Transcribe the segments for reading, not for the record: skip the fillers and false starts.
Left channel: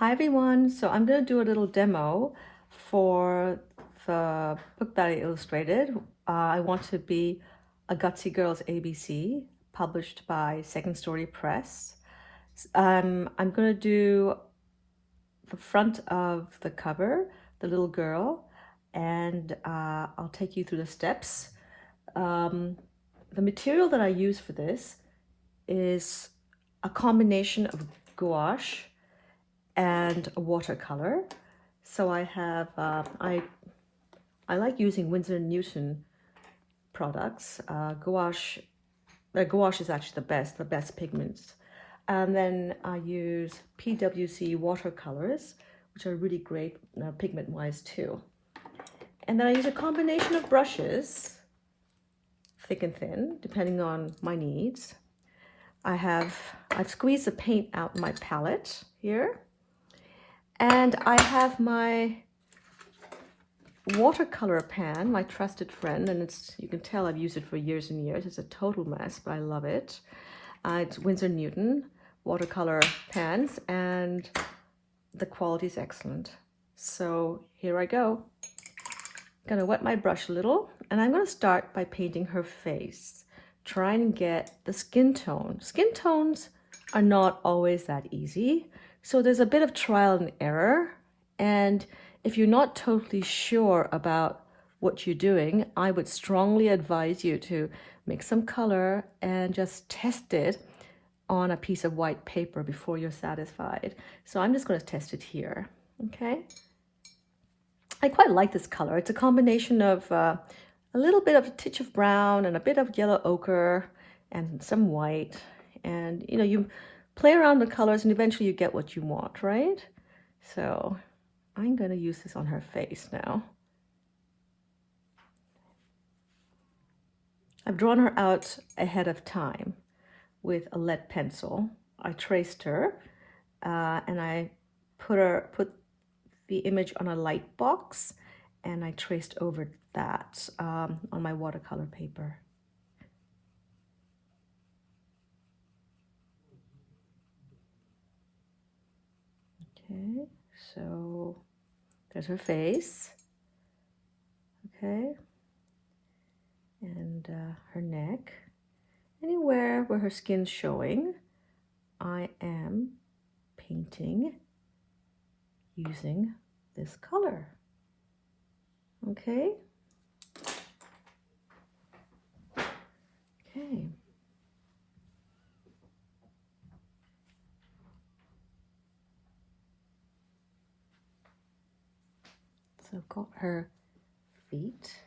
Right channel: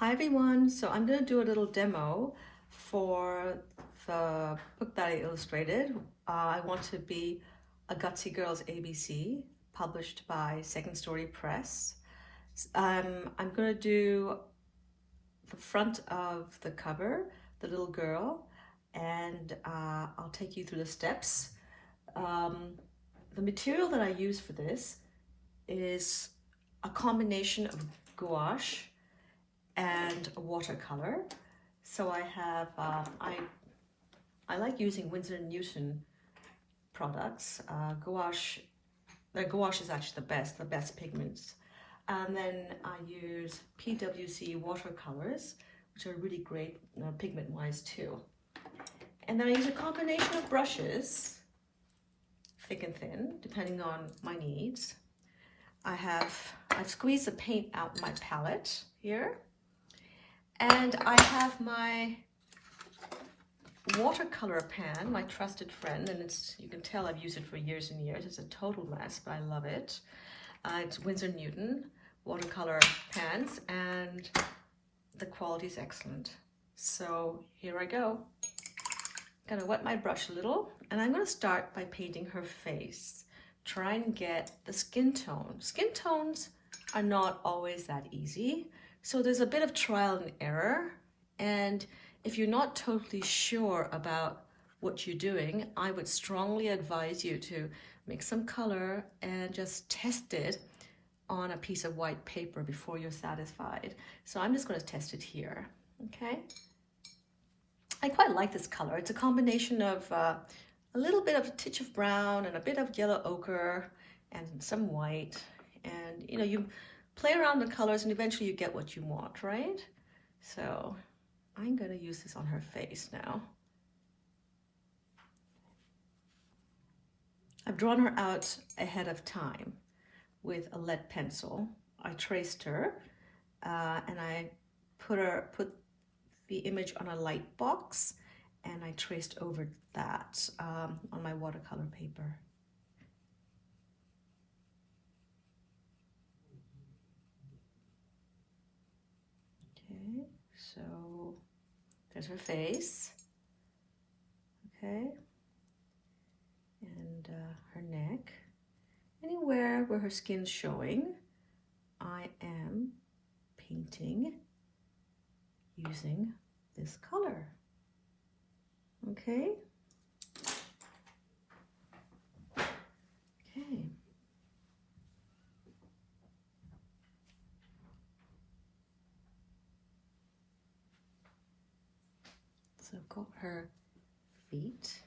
Hi everyone, so I'm going to do a little demo for the book that I illustrated. I want to be a Gutsy Girl's ABC, published by Second Story Press. I'm going to do the front of the cover, the little girl, and I'll take you through the steps. The material that I use for this is a combination of gouache and a watercolor. So I have, I like using Winsor & Newton products. Gouache is actually the best pigments. And then I use PWC watercolors, which are really great pigment-wise too. And then I use a combination of brushes, thick and thin, depending on my needs. I've squeezed the paint out in my palette here. And I have my watercolor pan, my trusted friend, and you can tell I've used it for years and years. It's a total mess, but I love it. It's Winsor & Newton watercolor pans, and the quality is excellent. So here I go. I'm gonna wet my brush a little, and I'm gonna start by painting her face. Try and get the skin tone. Skin tones are not always that easy. So there's a bit of trial and error, and if you're not totally sure about what you're doing, I would strongly advise you to make some color and just test it on a piece of white paper before you're satisfied. So I'm just going to test it here, okay? I quite like this color. It's a combination of a little bit of a titch of brown and a bit of yellow ochre and some white, and you play around the colors and eventually you get what you want, right? So I'm going to use this on her face now. I've drawn her out ahead of time with a lead pencil. I traced her and I put the image on a light box, and I traced over that on my watercolor paper. Okay, so there's her face, okay, and her neck. Anywhere where her skin's showing, I am painting using this color, okay? Okay. So I've got her feet.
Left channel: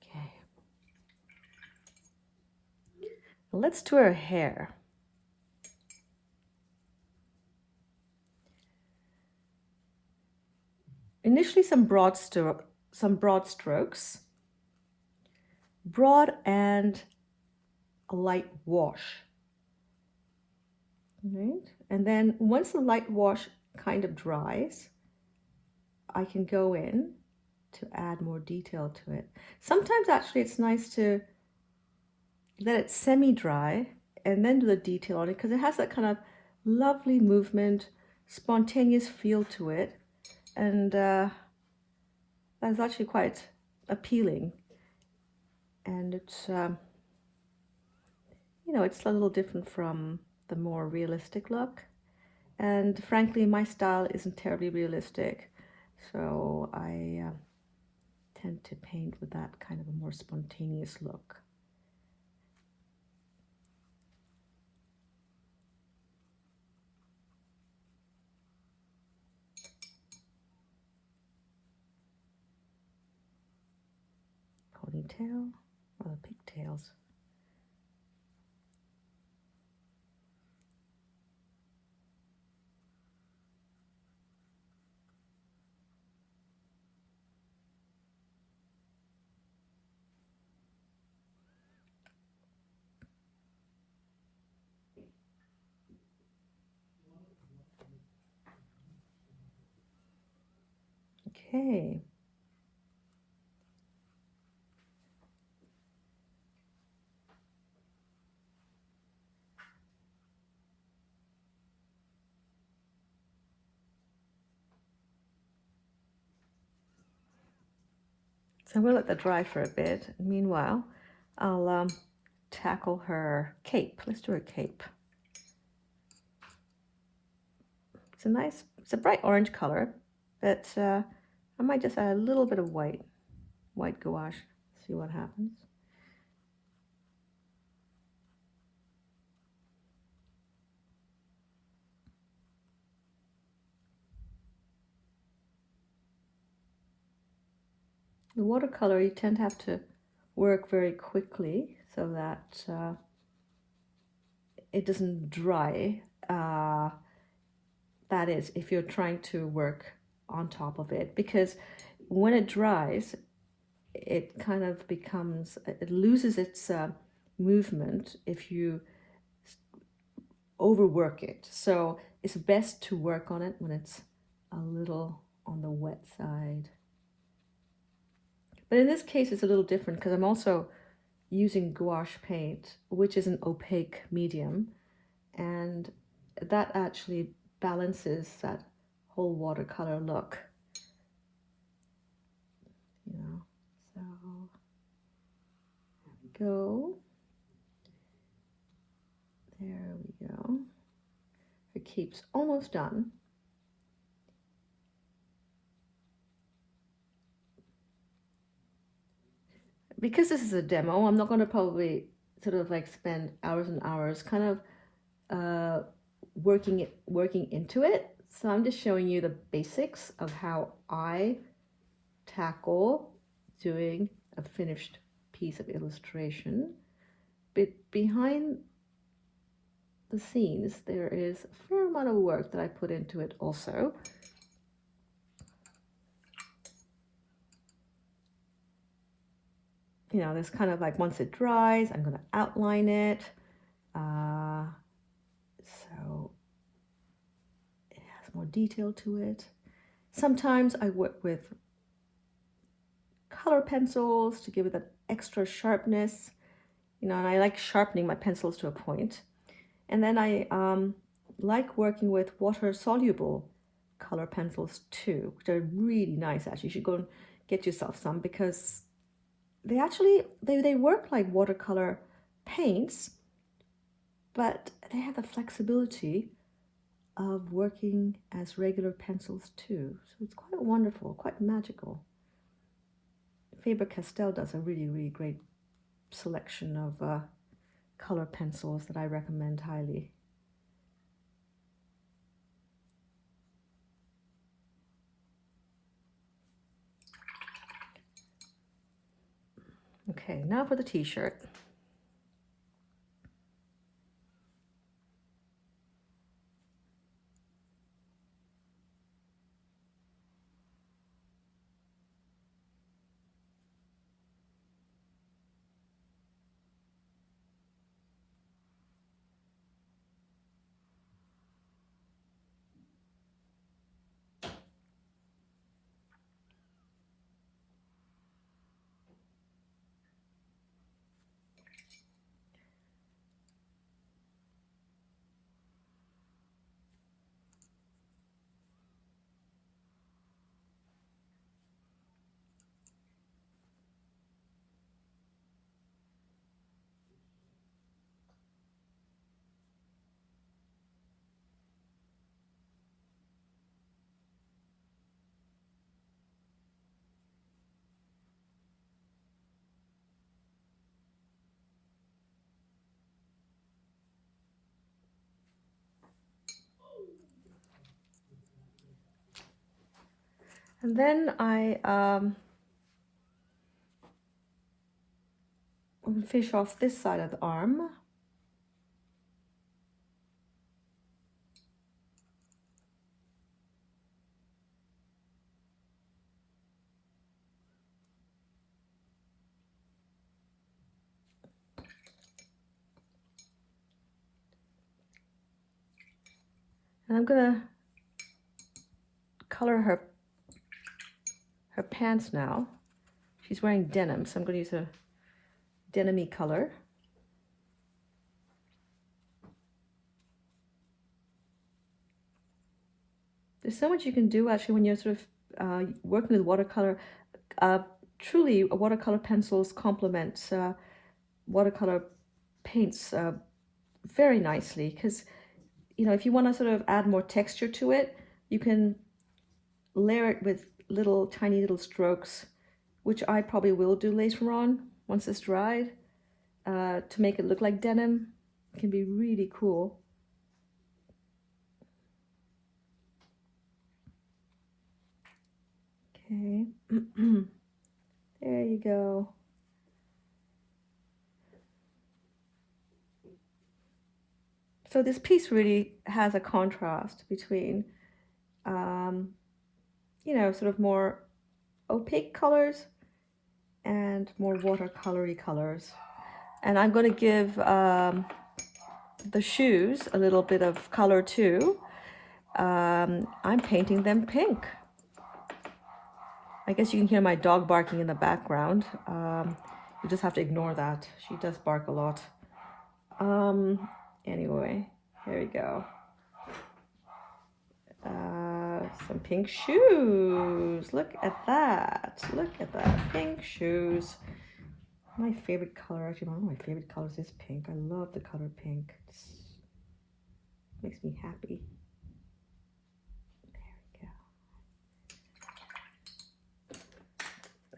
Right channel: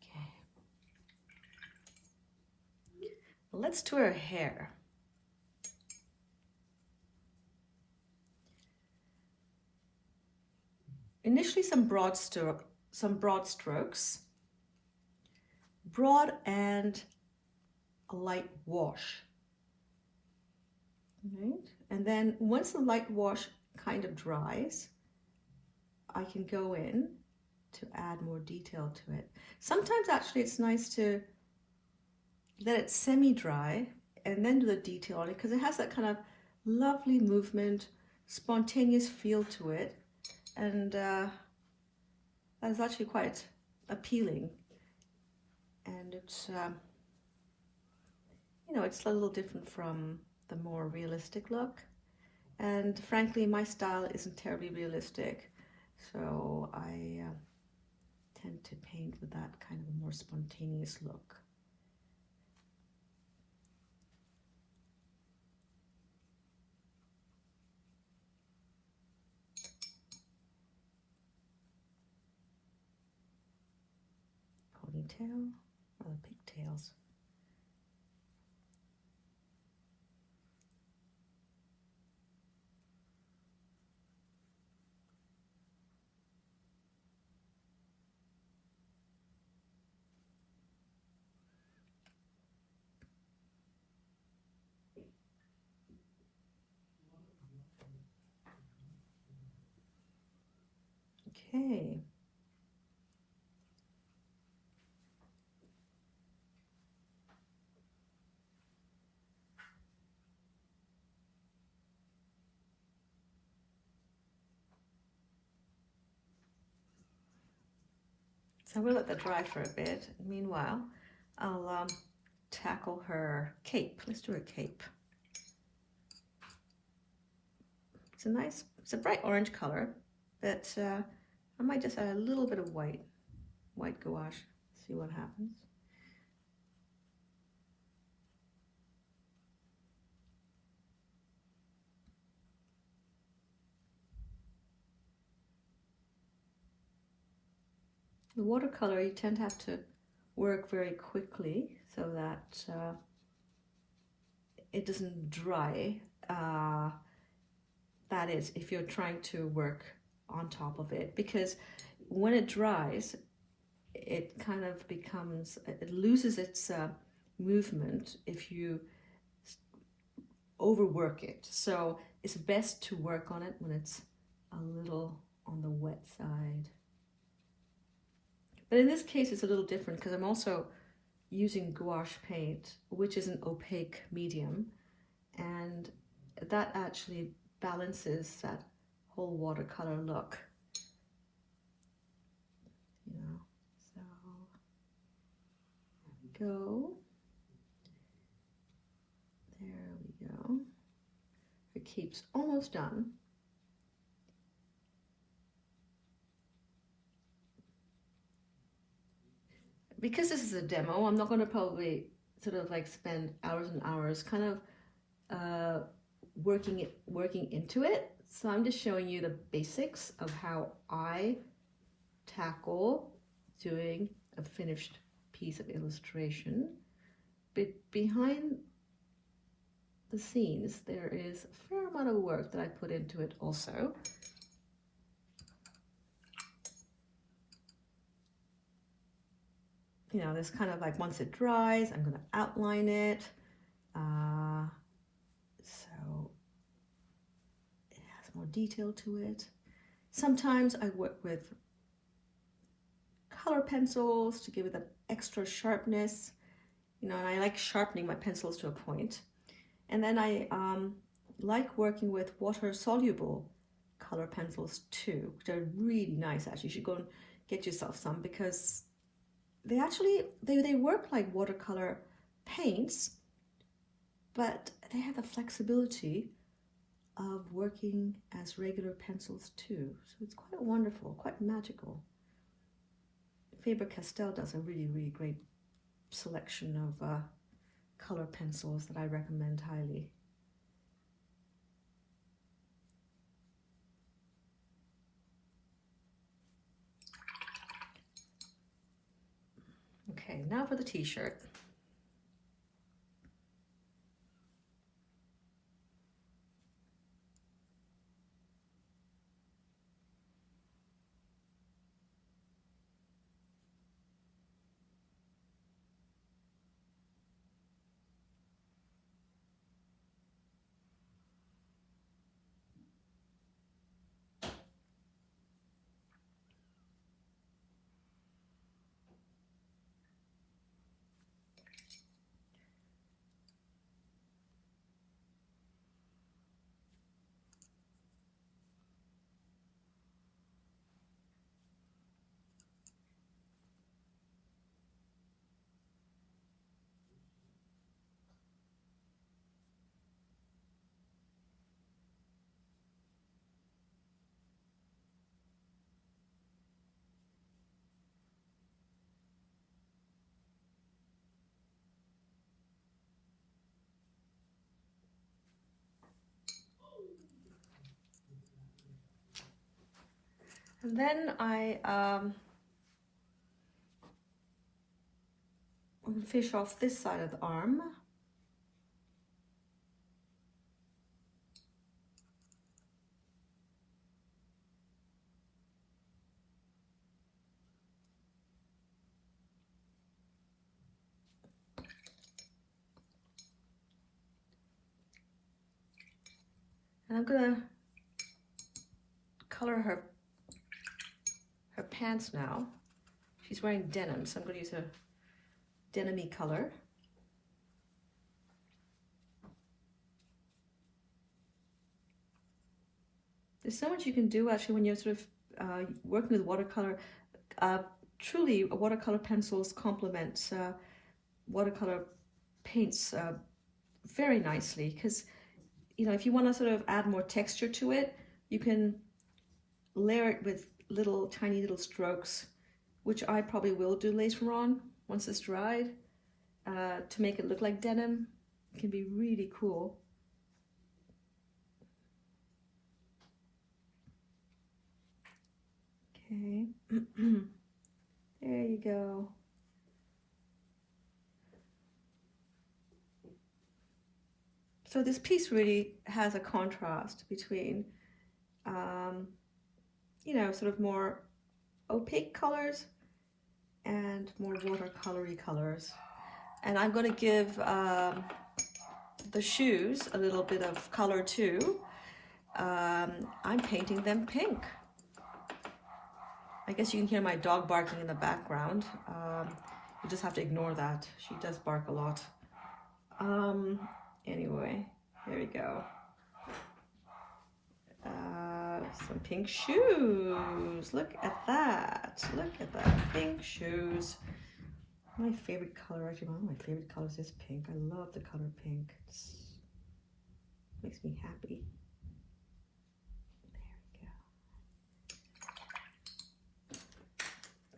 Okay. Now let's do her hair. Initially some broad strokes, broad and a light wash. Right? And then once the light wash kind of dries, I can go in to add more detail to it. Sometimes actually it's nice to let it semi-dry and then do the detail on it, because it has that kind of lovely movement, spontaneous feel to it, and that's actually quite appealing. And it's it's a little different from the more realistic look, and frankly my style isn't terribly realistic, so I tend to paint with that kind of a more spontaneous look. Ponytail or the pigtails. Okay. So I'm going to let that dry for a bit. Meanwhile, I'll tackle her cape. Let's do her cape. It's a bright orange color, but I might just add a little bit of white gouache, see what happens. The watercolor, you tend to have to work very quickly so that it doesn't dry. That is, if you're trying to work on top of it, because when it dries, it kind of becomes, it loses its movement if you overwork it. So it's best to work on it when it's a little on the wet side. But in this case, it's a little different because I'm also using gouache paint, which is an opaque medium, and that actually balances that whole watercolor look. You know, so there we go. There we go. It keeps almost done. Because this is a demo, I'm not going to probably sort of like spend hours and hours kind of working into it. So I'm just showing you the basics of how I tackle doing a finished piece of illustration. But behind the scenes, there is a fair amount of work that I put into it also. You know, there's kind of like, once it dries, I'm going to outline it. So it has more detail to it. Sometimes I work with color pencils to give it that extra sharpness. You know, and I like sharpening my pencils to a point. And then I like working with water-soluble color pencils too, which are really nice. Actually, you should go and get yourself some, because they actually they work like watercolor paints, but they have the flexibility of working as regular pencils too. So it's quite wonderful, quite magical. Faber-Castell does a really great selection of color pencils that I recommend highly. Okay, now for the t-shirt. And then I finish off this side of the arm. And I'm gonna color her pants now. She's wearing denim, so I'm going to use a denim-y color. There's so much you can do actually when you're sort of working with watercolor. truly watercolor pencils complement watercolor paints very nicely, because you know, if you want to sort of add more texture to it, you can layer it with little tiny little strokes, which I probably will do later on once it's dried, to make it look like denim. It can be really cool. Okay, there you go. So this piece really has a contrast between, you know, sort of more opaque colors and more watercolory colors. And I'm going to give the shoes a little bit of color too. I'm painting them pink. I guess you can hear my dog barking in the background. You just have to ignore that. She does bark a lot. Anyway, there we go. Some pink shoes. Look at that. Look at that. Pink shoes. My favorite color, actually, one of my favorite colors is pink. I love the color pink. It makes me happy. There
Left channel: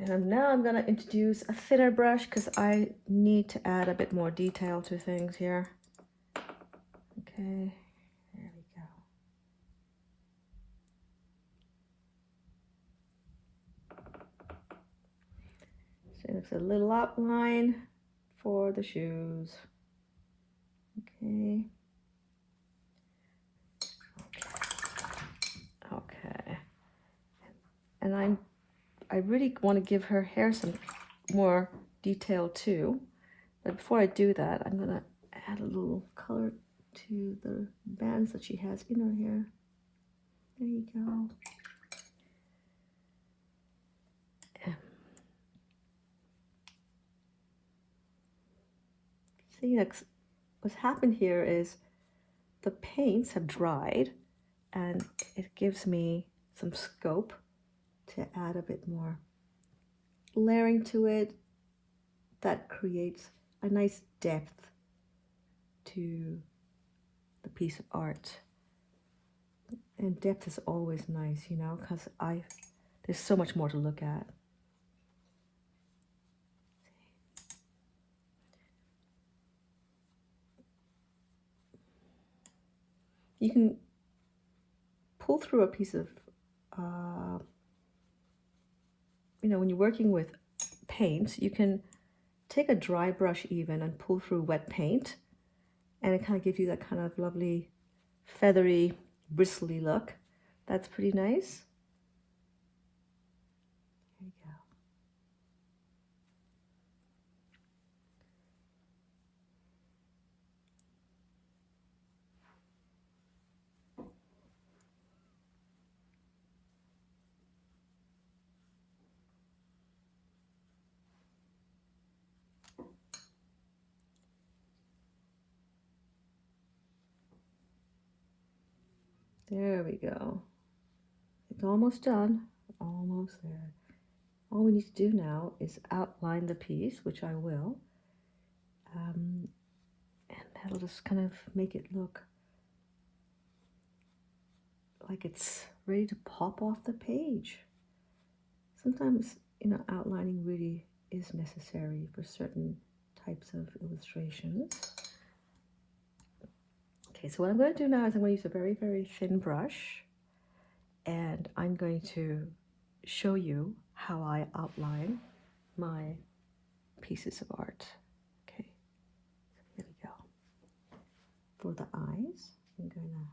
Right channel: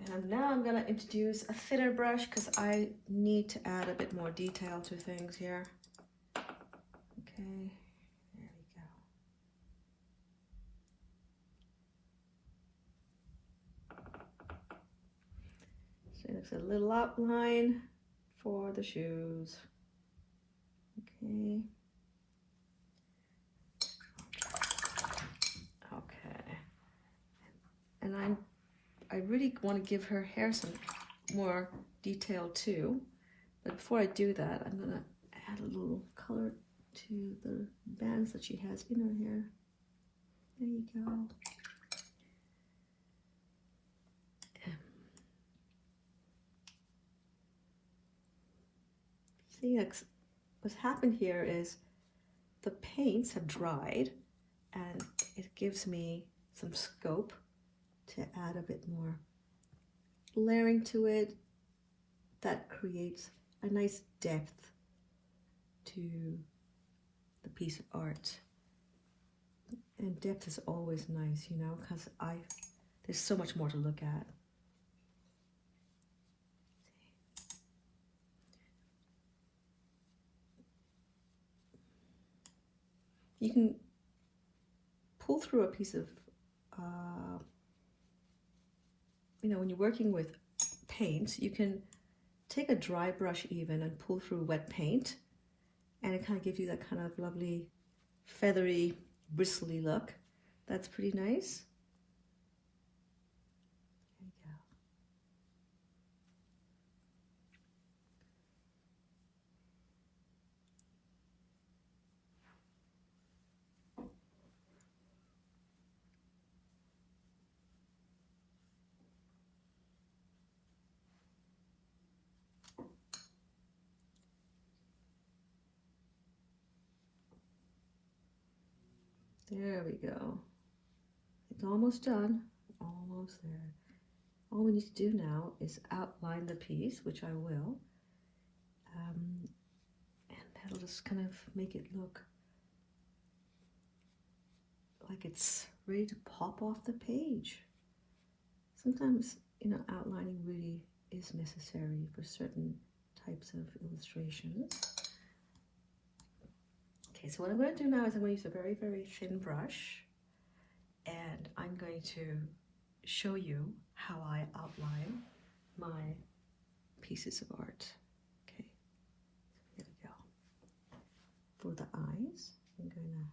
we go. And now I'm going to introduce a thinner brush because I need to add a bit more detail to things here. Okay. It's a little outline for the shoes. Okay. Okay. And I really want to give her hair some more detail too. But before I do that, I'm gonna add a little color to the bands that she has in her hair. There you go. See, what's happened here is the paints have dried, and it gives me some scope to add a bit more layering to it that creates a nice depth to the piece of art. And depth is always nice, you know, because there's so much more to look at. You can pull through a piece of, you know, when you're working with paints, you can take a dry brush even and pull through wet paint, and it kind of gives you that kind of lovely, feathery, bristly look. That's pretty nice. There you go. There we go. It's almost done. Almost there. All we need to do now is outline the piece, which I will. And that'll just kind of make it look like it's ready to pop off the page. Sometimes, you know, outlining really is necessary for certain types of illustrations. Okay, so what I'm going to do now is I'm going to use a very, very thin brush, and I'm going to show you how I outline my pieces of art. Okay, so here we go. For the eyes, I'm going to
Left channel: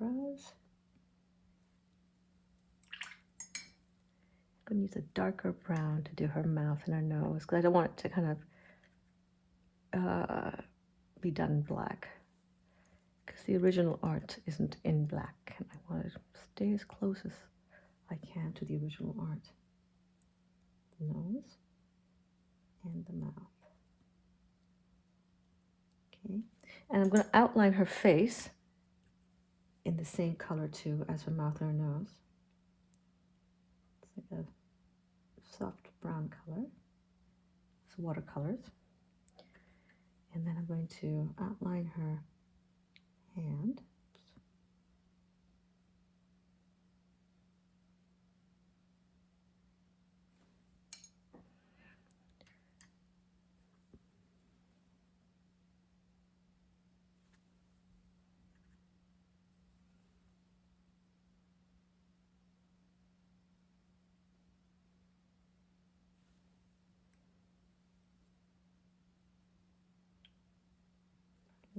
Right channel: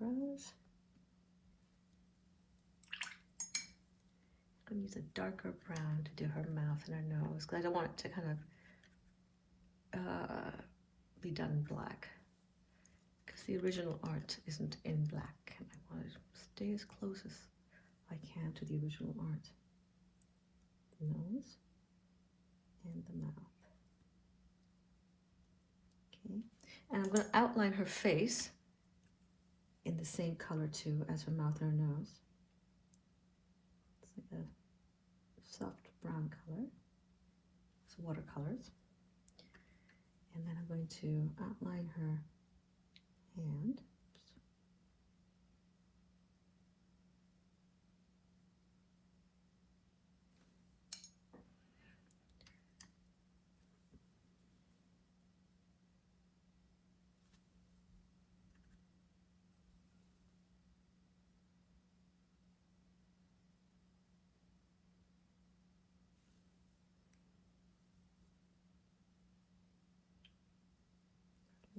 eyebrows. I'm going to use a darker brown to do her mouth and her nose, because I don't want it to kind of be done in black, because the original art isn't in black, and I want to stay as close as I can to the original art. The nose and the mouth. Okay, and I'm going to outline her face in the same color too as her mouth and her nose. It's like a soft brown color. It's watercolors. And then I'm going to outline her hand.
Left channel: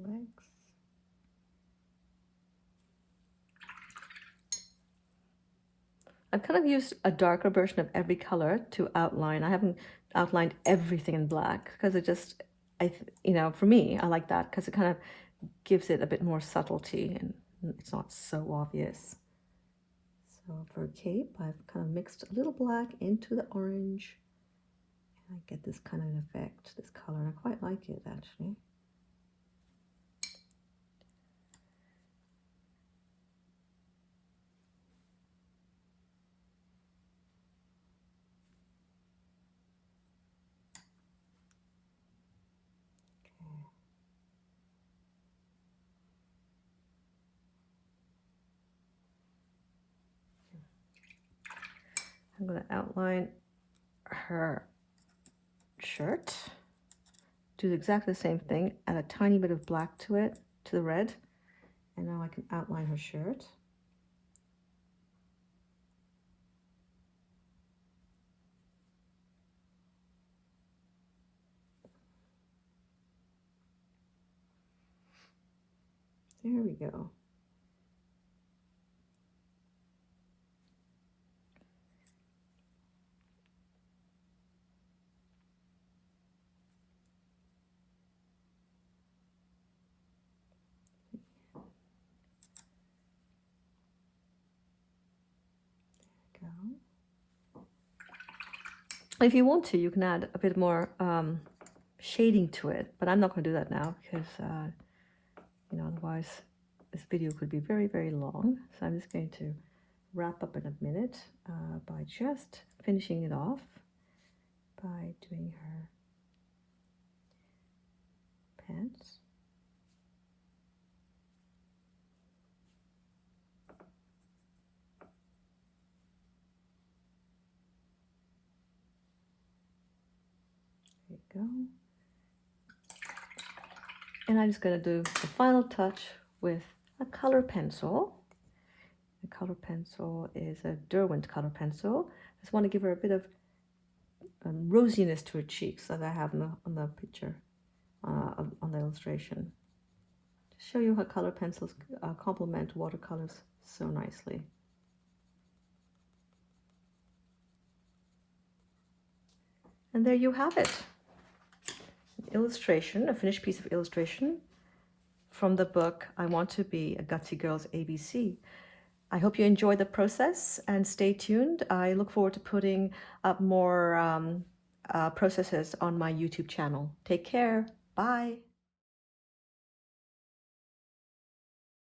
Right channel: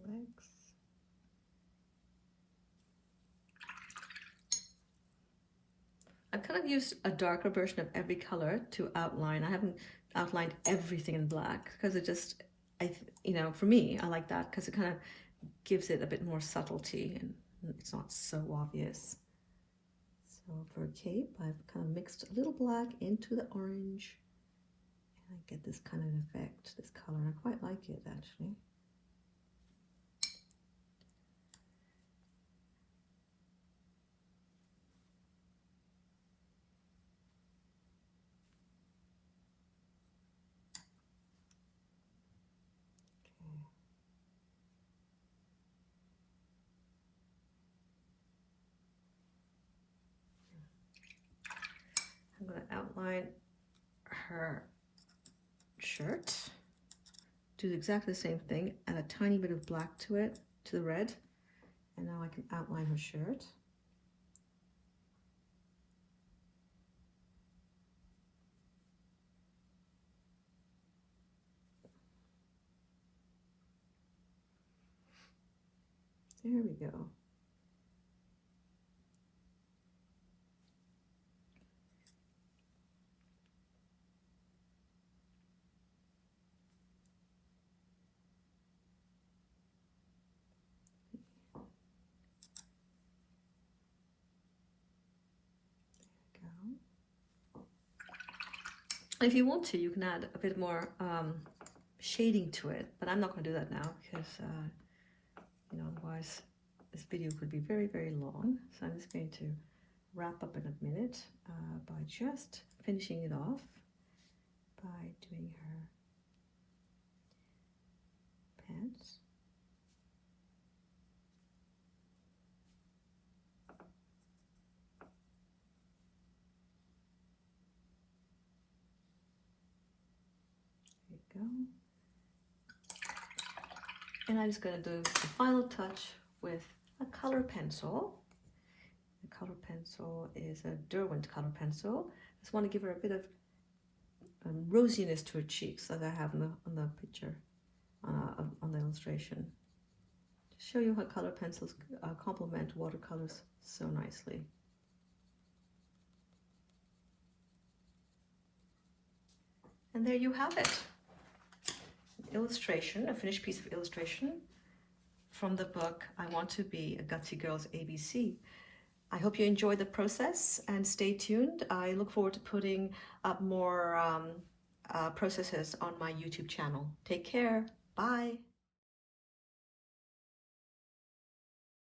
Legs. I kind of used a darker version of every color to outline. I haven't outlined everything in black because it just, you know, for me, I like that because it kind of gives it a bit more subtlety and it's not so obvious. So for a cape, I've kind of mixed a little black into the orange and I get this kind of effect, this color, and I quite like it actually. I'm going to outline her shirt, do exactly the same thing, add a tiny bit of black to it, to the red, and now I can outline her shirt. There we go. If you want to, you can add a bit more shading to it, but I'm not going to do that now because, you know, otherwise this video could be very, very long. So I'm just going to wrap up in a minute by just finishing it off by doing her pants. Go. And I'm just going to do the final touch with a color pencil. The color pencil is a Derwent color pencil. I just want to give her a bit of rosiness to her cheeks that I have on the picture, on the illustration. To show you how color pencils complement watercolors so nicely. And there you have it. Illustration, a finished piece of illustration from the book I Want to Be a Gutsy Girl's ABC. I hope you enjoy the process and stay tuned. I look forward to putting up more processes on my YouTube channel. Take care. Bye.